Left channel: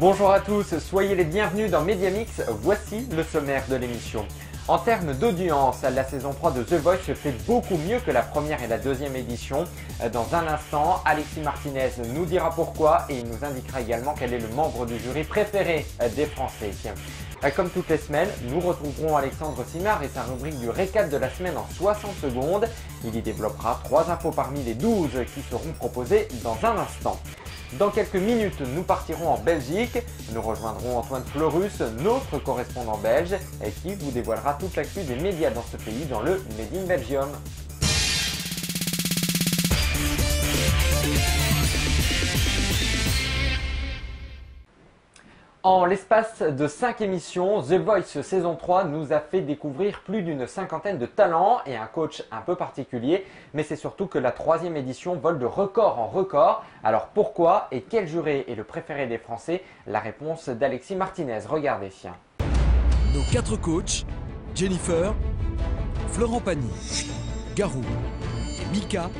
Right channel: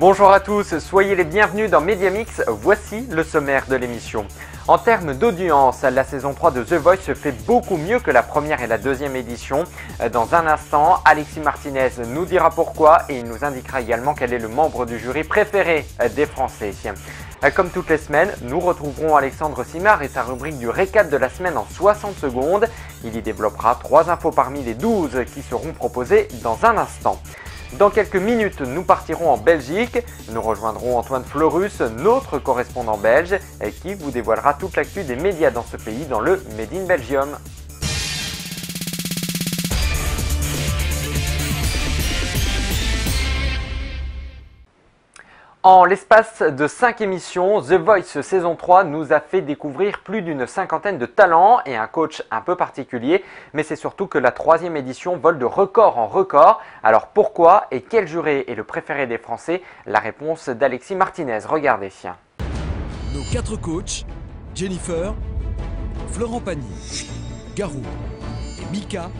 Bonjour à tous, soyez les bienvenus dans Mediamix, voici le sommaire de l'émission. En termes d'audience, la saison 3 de The Voice fait beaucoup mieux que la première et la deuxième édition. Dans un instant, Alexis Martinez nous dira pourquoi et il nous indiquera également quel est le membre du jury préféré des Français. Comme toutes les semaines, nous retrouverons Alexandre Simard et sa rubrique du récap de la semaine en 60 secondes. Il y développera 3 infos parmi les 12 qui seront proposées dans un instant. Dans quelques minutes, nous partirons en Belgique. Nous rejoindrons Antoine Florus, notre correspondant belge, qui vous dévoilera toute l'actu des médias dans ce pays dans le Made in Belgium. En l'espace de 5 émissions, The Voice saison 3 nous a fait découvrir plus d'une cinquantaine de talents et un coach un peu particulier. Mais c'est surtout que la 3e édition vole de record en record. Alors pourquoi et quel jury est le préféré des Français? La réponse d'Alexis Martinez, regardez. Nos 4 coachs, Jennifer, Florent Pagny, Garou et Mika,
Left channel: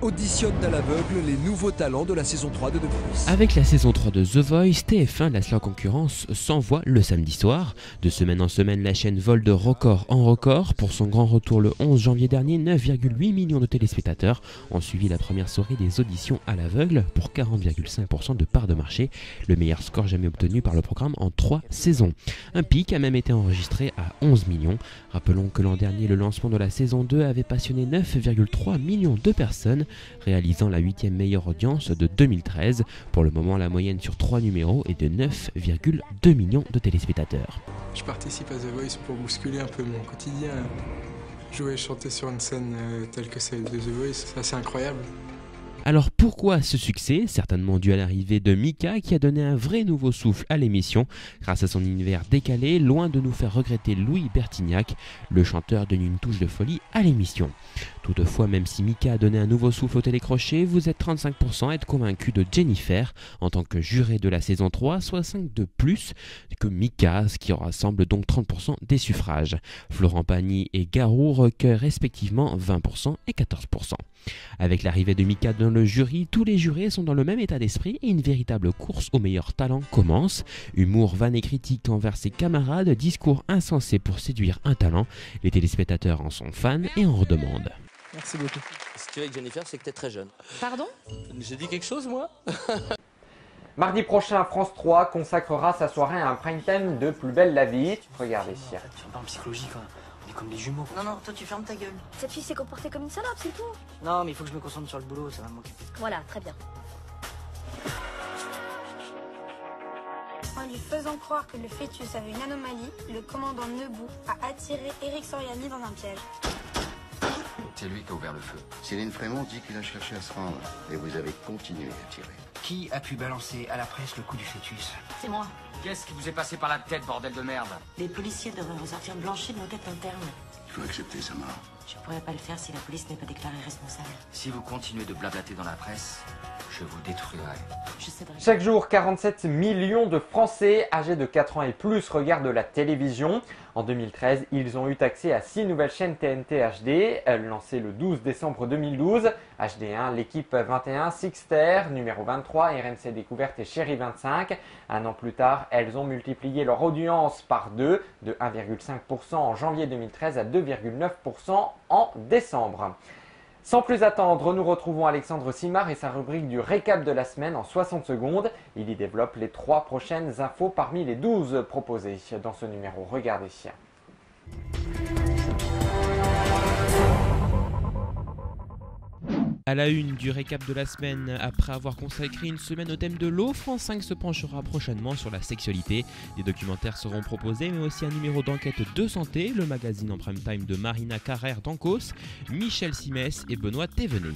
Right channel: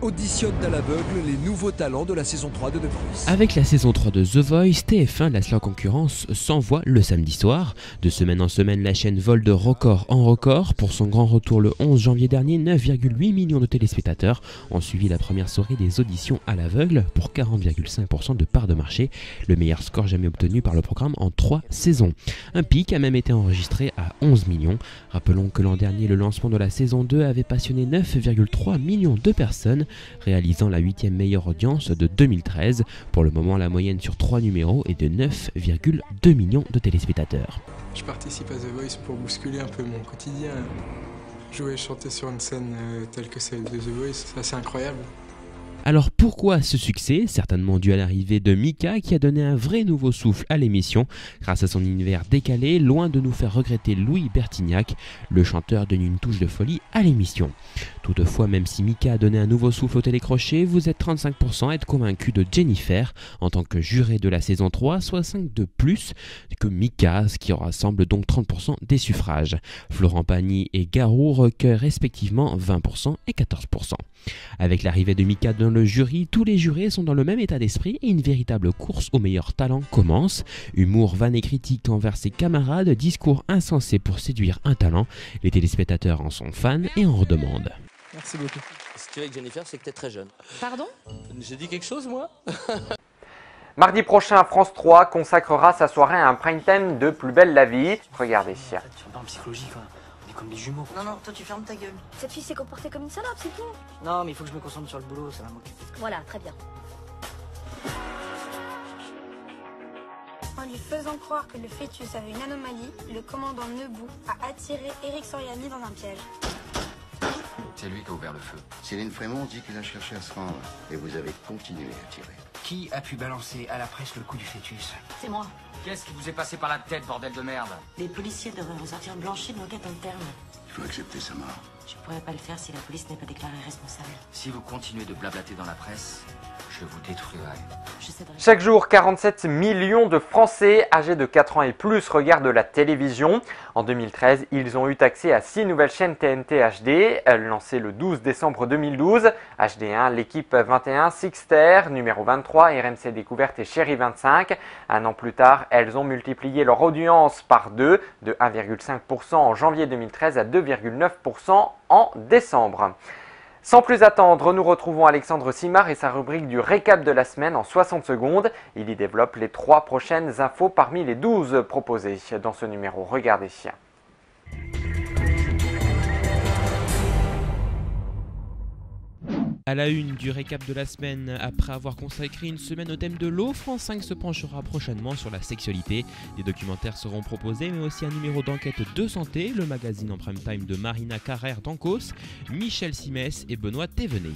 auditionnent à l'aveugle les nouveaux talents de la saison 3 de The Voice. Avec la saison 3 de The Voice, TF1 laisse leur concurrence sans voix le samedi soir. De semaine en semaine, la chaîne vole de record en record. Pour son grand retour le 11 janvier dernier, 9,8 millions de téléspectateurs ont suivi la première soirée des auditions à l'aveugle pour 40,5% de part de marché, le meilleur score jamais obtenu par le programme en 3 saisons. Un pic a même été enregistré à 11 millions. Rappelons que l'an dernier, le lancement de la saison 2 avait passionné 9,3 millions de personnes, réalisant la 8e meilleure audience de 2013. Pour le moment, la moyenne sur 3 numéros est de 9,2 millions de téléspectateurs. Je participe à The Voice pour bousculer un peu mon quotidien. Jouer et chanter sur une scène telle que celle de The Voice, c'est assez incroyable. Alors pourquoi ce succès? Certainement dû à l'arrivée de Mika qui a donné un vrai nouveau souffle à l'émission. Grâce à son univers décalé, loin de nous faire regretter Louis Bertignac, le chanteur donne une touche de folie à l'émission. Toutefois, même si Mika a donné un nouveau souffle au télécrochet, vous êtes 35% à être convaincu de Jennifer en tant que juré de la saison 3, soit 5 de plus que Mika, ce qui rassemble donc 30% des suffrages. Florent Pagny et Garou recueillent respectivement 20% et 14%. Avec l'arrivée de Mika dans le jury, tous les jurés sont dans le même état d'esprit et une véritable course aux meilleurs talents commence. Humour, vanne et critique envers ses camarades, discours insensés pour séduire un talent. Les téléspectateurs en sont fans et en redemandent. Merci beaucoup. Si tu es avec Jennifer, c'est que tu es très jeune. Pardon? J'ai dit quelque chose, moi? Mardi prochain, France 3 consacrera sa soirée à un prime time de Plus belle la vie. Regardez. Tu es pas en psychologie quand même. On est comme des jumeaux. Non, toi tu fermes ta gueule. Cette fille s'est comportée comme une salope, c'est tout. Non, mais il faut que je me concentre sur le boulot, ça va m'occuper. Voilà, très bien. En lui faisant croire que le fœtus avait une anomalie, le commandant Nebou a attiré Eric Soriani dans un piège. C'est lui qui a ouvert le feu. Céline Frémont dit qu'il a cherché à se rendre. Et vous avez continué à tirer. Qui a pu balancer à la presse le coup du fœtus? C'est moi. Qu'est-ce qui vous est passé par la tête, bordel de merde? Les policiers devraient vous sortir blanchir en fait interne. Il faut accepter sa mort. Je pourrais pas le faire si la police n'est pas déclarée responsable. Si vous continuez de blablater dans la presse, je vous détruirai. Je sais pas. Chaque jour, 47 millions de Français âgés de 4 ans et plus regardent la télévision. En 2013, ils ont eu accès à 6 nouvelles chaînes TNT HD, lancées le 12 décembre 2012. HD1, l'équipe 21, Sixter, numéro 23, RMC Découverte et Chérie 25. Un an plus tard, elles ont multiplié leur audience par 2, de 1,5% en janvier 2013 à 2,9% en décembre. Sans plus attendre, nous retrouvons Alexandre Simard et sa rubrique du récap de la semaine en 60 secondes. Il y développe les 3 prochaines infos parmi les 12 proposées dans ce numéro. Regardez. À la une du récap de la semaine, après avoir consacré une semaine au thème de l'eau, France 5 se penchera prochainement sur la sexualité. Des documentaires seront proposés, mais aussi un numéro d'enquête de santé, le magazine en prime time de Marina Carrère d'Ancos, Michel Simès et Benoît Thévenet.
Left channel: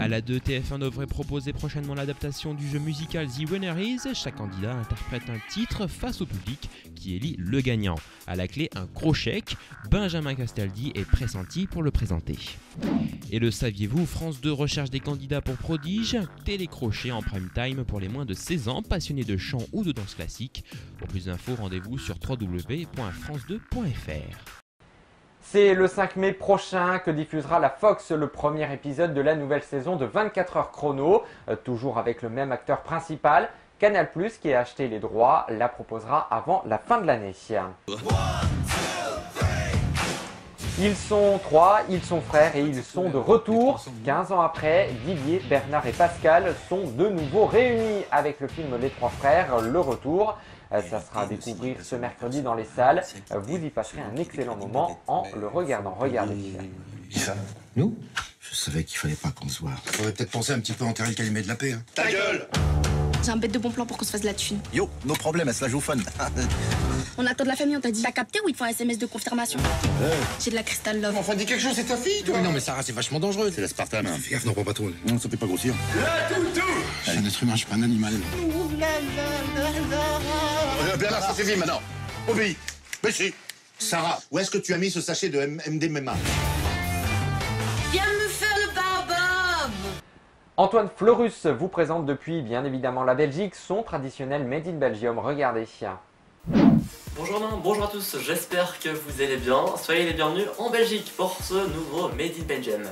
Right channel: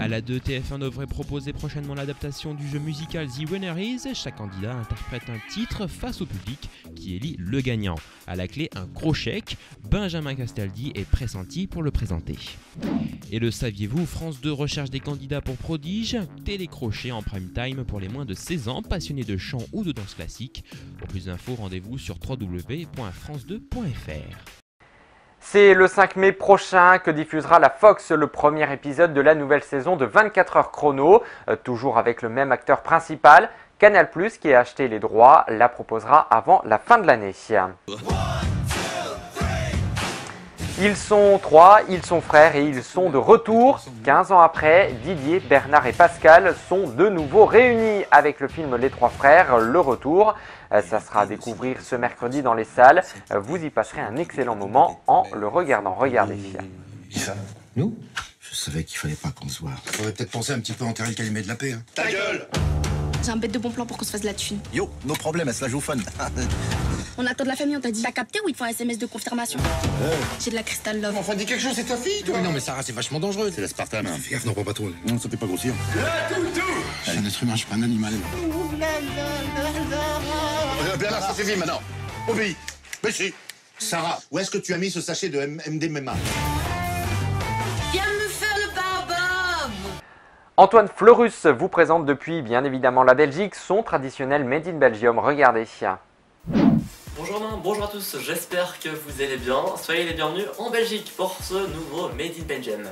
À la 2, TF1 devrait proposer prochainement l'adaptation du jeu musical The Winner Is. Chaque candidat interprète un titre face au public qui élit le gagnant. À la clé, un gros chèque. Benjamin Castaldi est pressenti pour le présenter. Et le saviez-vous, France 2 recherche des candidats pour Prodige, télécrochet en prime time pour les moins de 16 ans, passionnés de chant ou de danse classique. Pour plus d'infos, rendez-vous sur www.france2.fr. C'est le 5 mai prochain que diffusera la Fox le premier épisode de la nouvelle saison de 24 heures chrono, toujours avec le même acteur principal. Canal+, qui a acheté les droits, la proposera avant la fin de l'année. Ils sont trois, ils sont frères et ils sont de retour. 15 ans après, Didier, Bernard et Pascal sont de nouveau réunis avec le film Les Trois Frères, Le Retour. Ça sera à découvrir ce mercredi dans les salles. Vous y passerez un excellent moment en le regardant. Regardez. Ça, nous? Je savais qu'il fallait pas qu'on se voit. Faudrait peut-être penser un petit peu à enterrer le calumet de la paix. Hein. Ta gueule! J'ai un bête de bon plan pour qu'on se fasse de la thune. Yo, nos problèmes, elle se la joue fun. On attend de la famille, on t'a dit. T'as capté ou il te faut un SMS de confirmation? J'ai de la Crystal Love. Enfin, dis quelque chose, c'est ta fille, toi. Non, mais Sarah, c'est vachement dangereux. C'est l'aspartame. Fais gaffe, non, pas trop. Non, ça fait pas grossir. Je suis un être humain, je suis pas un animal. Bernard, ça suffit maintenant. Obéis. Béchi. Sarah, où est-ce que tu as mis ce sachet de MDMA? Viens me faire le barbare. Antoine Fleurus vous présente depuis bien évidemment la Belgique son traditionnel Made in Belgium. Regardez. Bonjour Romain, bonjour à tous, j'espère que vous allez bien. Soyez les bienvenus en Belgique pour ce nouveau Made in Belgium.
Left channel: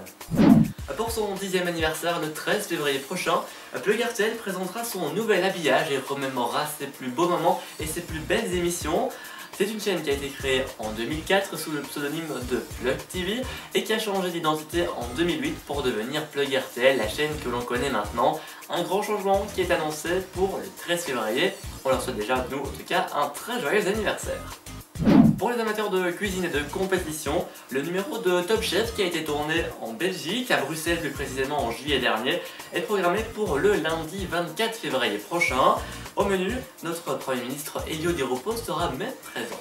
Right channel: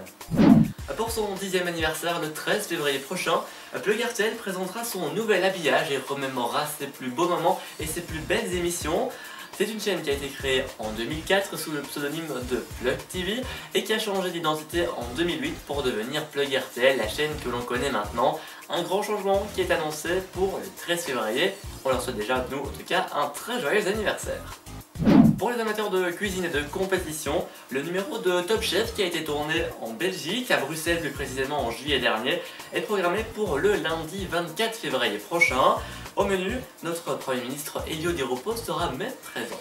Pour son 10e anniversaire, le 13 février prochain, Plug RTL présentera son nouvel habillage et remémorera ses plus beaux moments et ses plus belles émissions. C'est une chaîne qui a été créée en 2004 sous le pseudonyme de Plug TV et qui a changé d'identité en 2008 pour devenir Plug RTL, la chaîne que l'on connaît maintenant. Un grand changement qui est annoncé pour le 13 février. On leur souhaite déjà, nous en tout cas, un très joyeux anniversaire. Pour les amateurs de cuisine et de compétition, le numéro de Top Chef qui a été tourné en Belgique, à Bruxelles plus précisément en juillet dernier, est programmé pour le lundi 24 février prochain. Au menu, notre Premier ministre Elio Di Rupo sera même présent.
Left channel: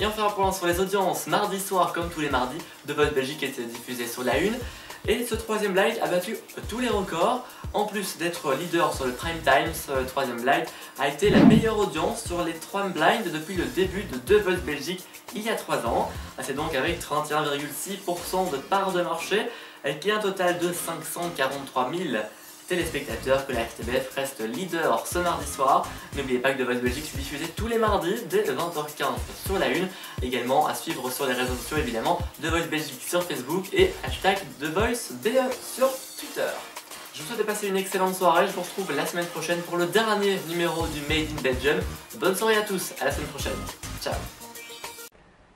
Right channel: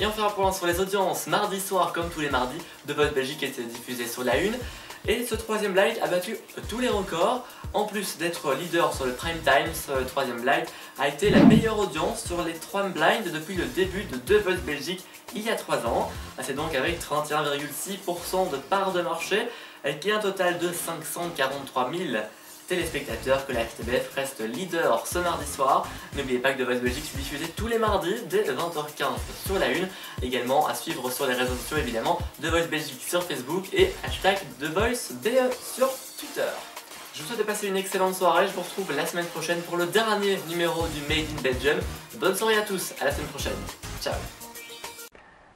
Et on fera un point sur les audiences. Mardi soir, comme tous les mardis, The Voice Belgique était diffusé sur la 1. Et ce troisième blind a battu tous les records. En plus d'être leader sur le prime time, ce troisième blind a été la meilleure audience sur les 3 blinds depuis le début de The Voice Belgique il y a 3 ans. C'est donc avec 31,6% de part de marché, qui est un total de 543 000 téléspectateurs que la RTBF reste leader ce mardi soir. N'oubliez pas que The Voice Belgique se diffusé tous les mardis dès 20h15 sur la 1. Également à suivre sur les réseaux sociaux évidemment, The Voice Belgique sur Facebook et #TheVoiceBE sur Twitter. Je vous souhaite de passer une excellente soirée, je vous retrouve la semaine prochaine pour le dernier numéro du Made in Belgium. Bonne soirée à tous, à la semaine prochaine. Ciao.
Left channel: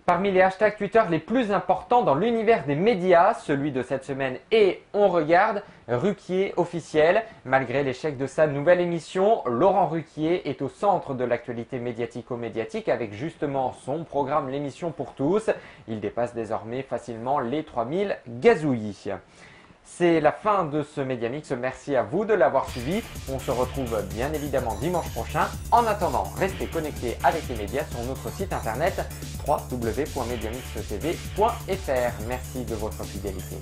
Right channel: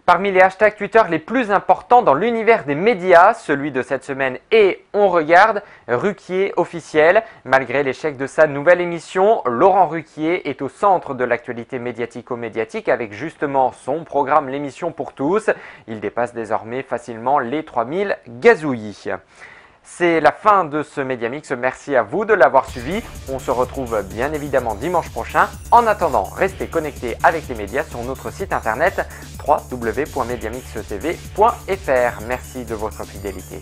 Parmi les hashtags Twitter les plus importants dans l'univers des médias, celui de cette semaine est On Regarde, Ruquier officiel. Malgré l'échec de sa nouvelle émission, Laurent Ruquier est au centre de l'actualité médiatico-médiatique avec justement son programme L'émission pour tous. Il dépasse désormais facilement les 3000 gazouillis. C'est la fin de ce Mediamix, merci à vous de l'avoir suivi. On se retrouve bien évidemment dimanche prochain. En attendant, restez connectés avec les médias sur notre site internet www.mediamixtv.fr. Merci de votre fidélité.